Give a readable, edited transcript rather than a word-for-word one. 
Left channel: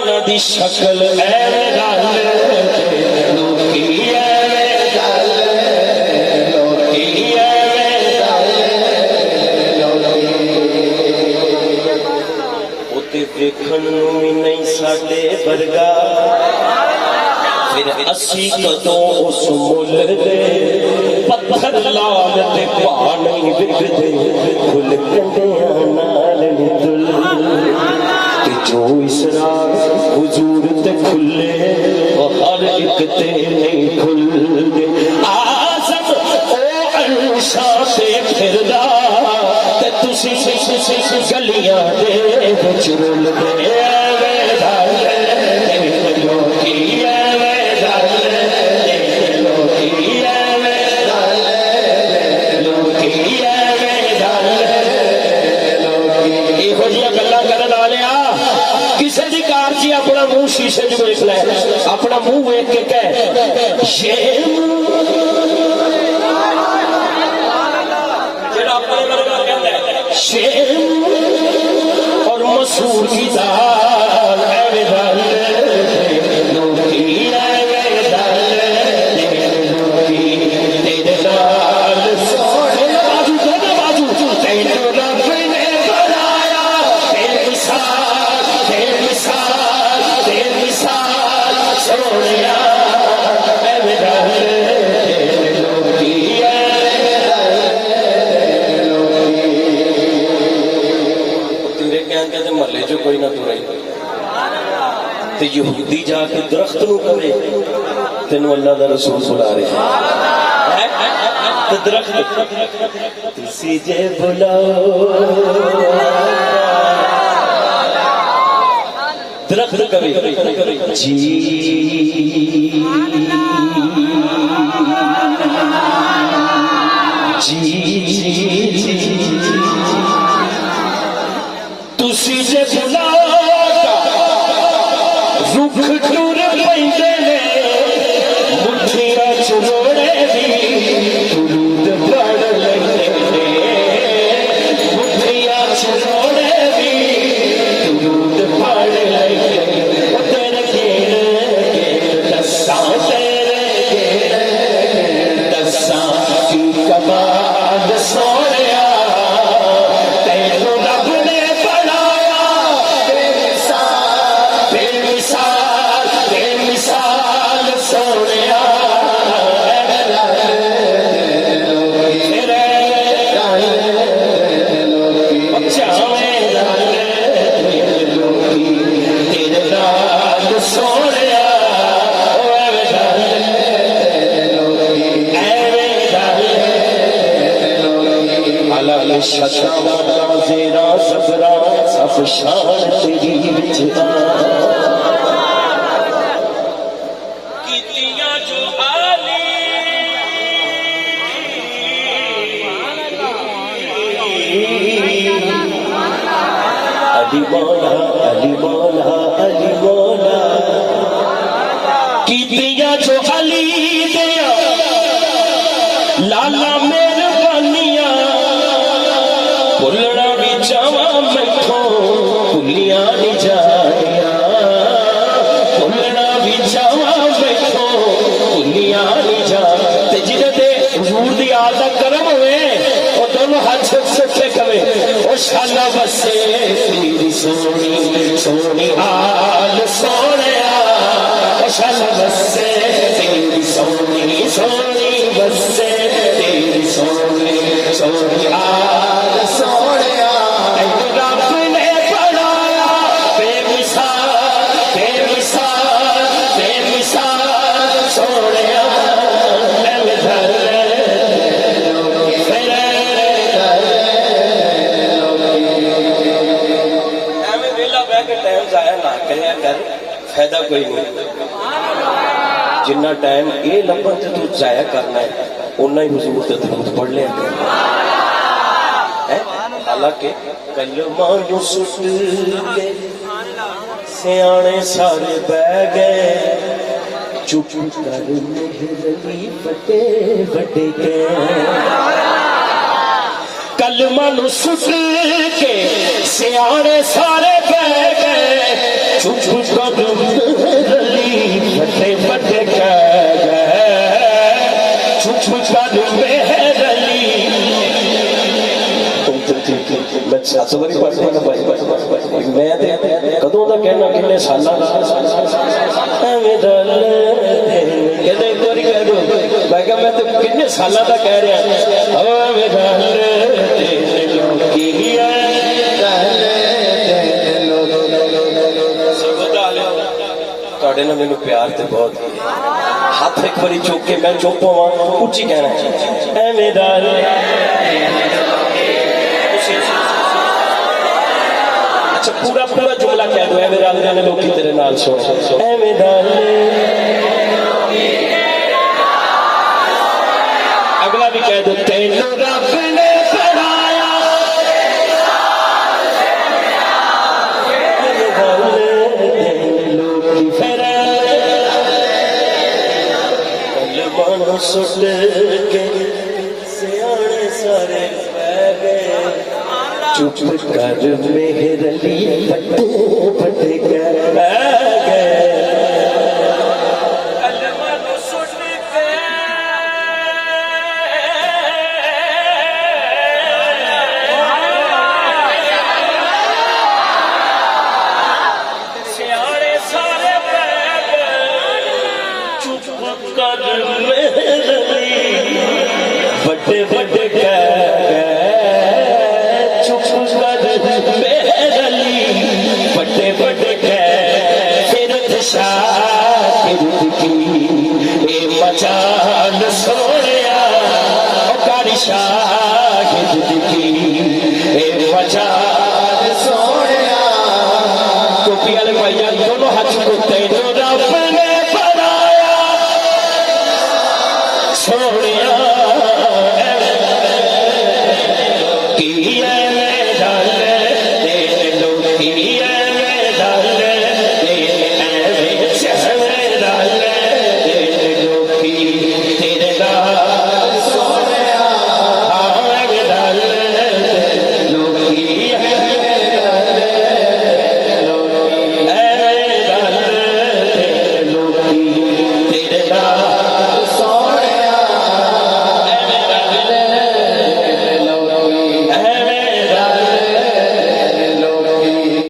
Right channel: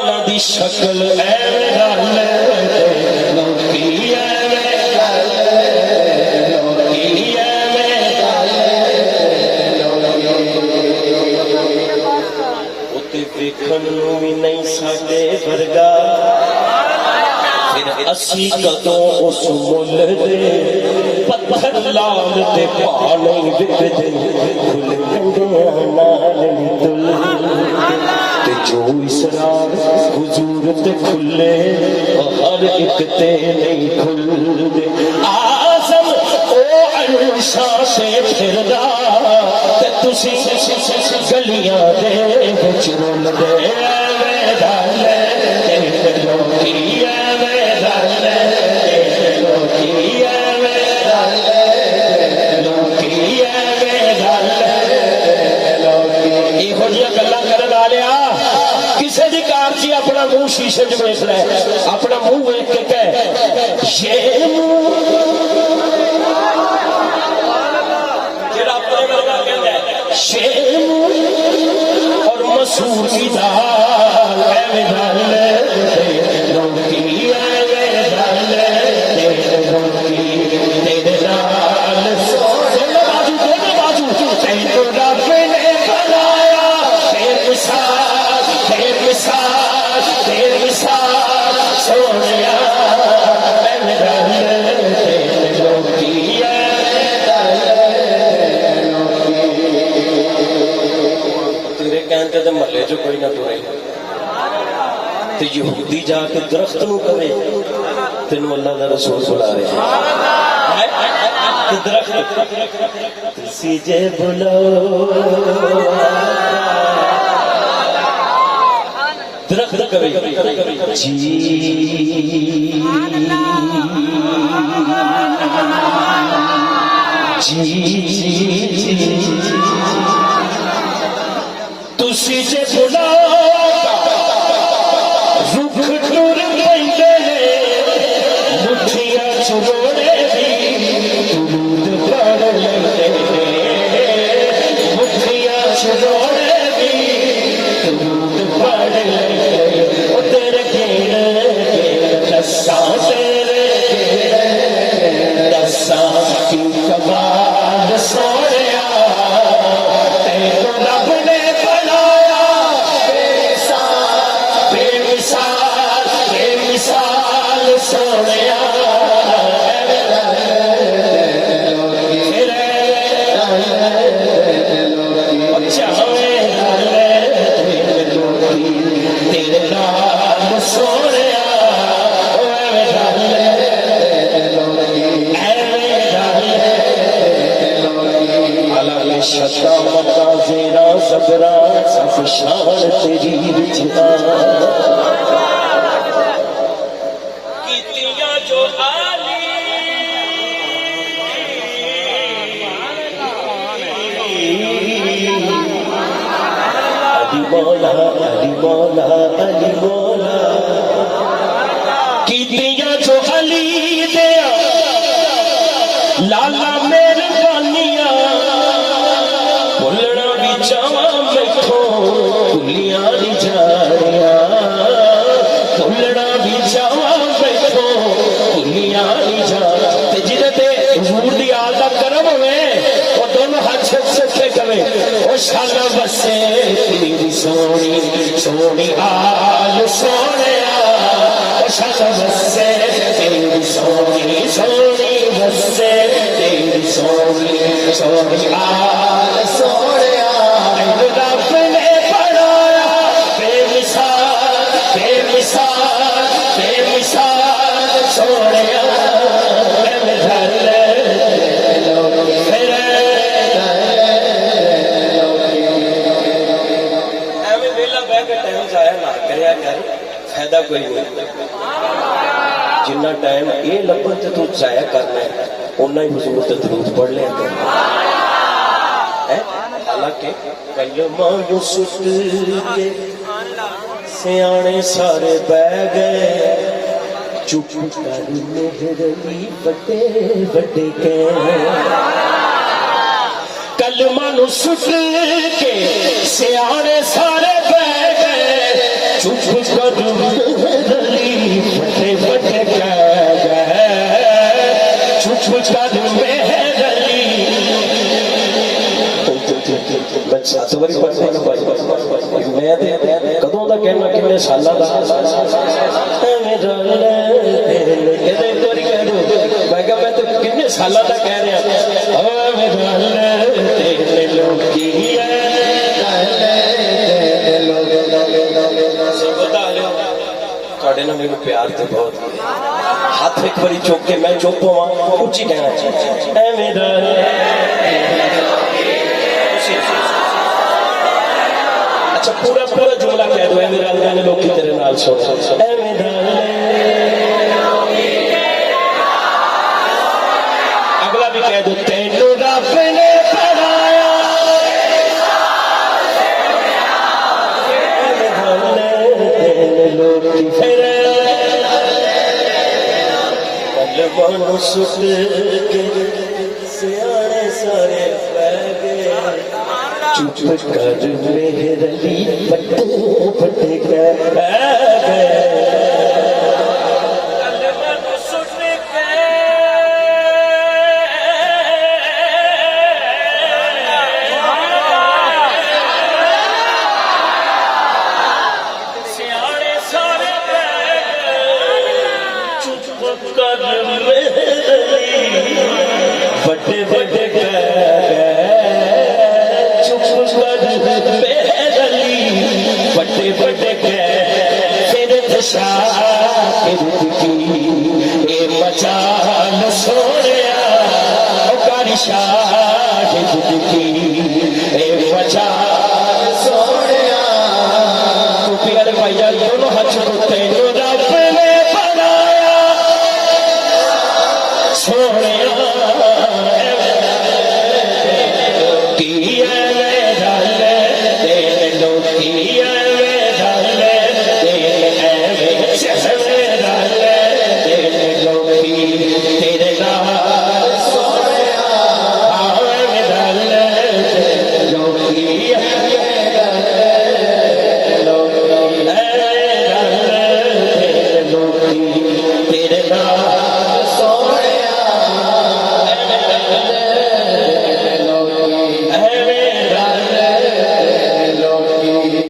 इन्हां दी शक्ल ऐ गल लोकी ऐ गल लोकी देखण नूं भी नहीं साडे वर्गा फिर असी कदों उस मुल दे पत्थर लाल ते पा नहीं विकदे फुल कंडियां नाल नी तुल ते जो इसरार हुजूर ते खुले हर एक ते नहीं खुलदे आज़म ओ अंशा से फिरदा ते तुसी गलियां दे विच रुलदे शीशे च वेख लै अपना मुंह वेख के कह और मसूर की दाल महल्ले जो कोई ना तुरे ते यहूदी जाके दरख्त नूं करे तेनू अल्लाह दा रसूल बुला रहे दरख्त तुसी जे बुलाओ दरख्त कवे जी तुसी जे बुलाओ रुख टुर पैंदे ने मुठियां च जोड़े दी दुरूद पढ़ लैंदे ने मुठियां च जोड़े दी दुरूद पढ़ लैंदे तेरे घेरे दस्सां तेरे घेरे दस्सां की कमाल सोहणिया तेरे रब ने बेमिसाल सोहणिया शता मता जेरा सबरा सब शान तेरी विच कीतियां जो आली अली मौला अली मौला अली मौला कीतियां जो अली दे लाला मेहरबानियां भुलना भी चावा मैथों भुलिया नहीं जानिया भुलना भी चावा मैथों भुलिया नहीं जा जिन्हें हुजूर दी आल दा करम होवे ओ दोनों हाथ सच्चे कवे ओ शाला बसे तेरी सोनी सोनी आल सोहणिया ओ शाला बसे तेरी सोनी सोनी बसे तेरी सोनी सोनी आल सोहणिया रब ने बनाया बेमिसाल बेमिसाल बेमिसाल सोहणिया एवं वेला बह के टाइम जाया ना करिया कर फायदा कोई नहीं जिन्ना टाइम ये लंबा जो तू जाया करना है उन्ना ही हुजूर दा दरूद पढ़ लिया हालांकि कलमा नूं सुट के सियाणे सारे बह गए चुप कर मेहरली बड़े बड़े के कलमा नूं सुट के सियाणे सारे बह गए चुप कर मेहरली फटे फटे कह चुप कर मेहरली मैं 7 वारी पढ़ मैं कदों का कहना किन्ने सालों का किन्ने सालों का कह रहा मैंने प्यार तो बहुत हाथ एक बारी चुक के मैं चुप होवा उच्ची कहना अच्छा पूरा पूरा जुमला कह दो मेरे अल्लाह ने लोग तेरे नाल सुन अगला भी कह दो तेनू रब ने सुट के सियाने सारे चुप कर मेहरली फटे फटे कह सियाने सारे चुप कर बड़े बड़े चुप कर मेहरली बड़े बड़े फिर शाकिर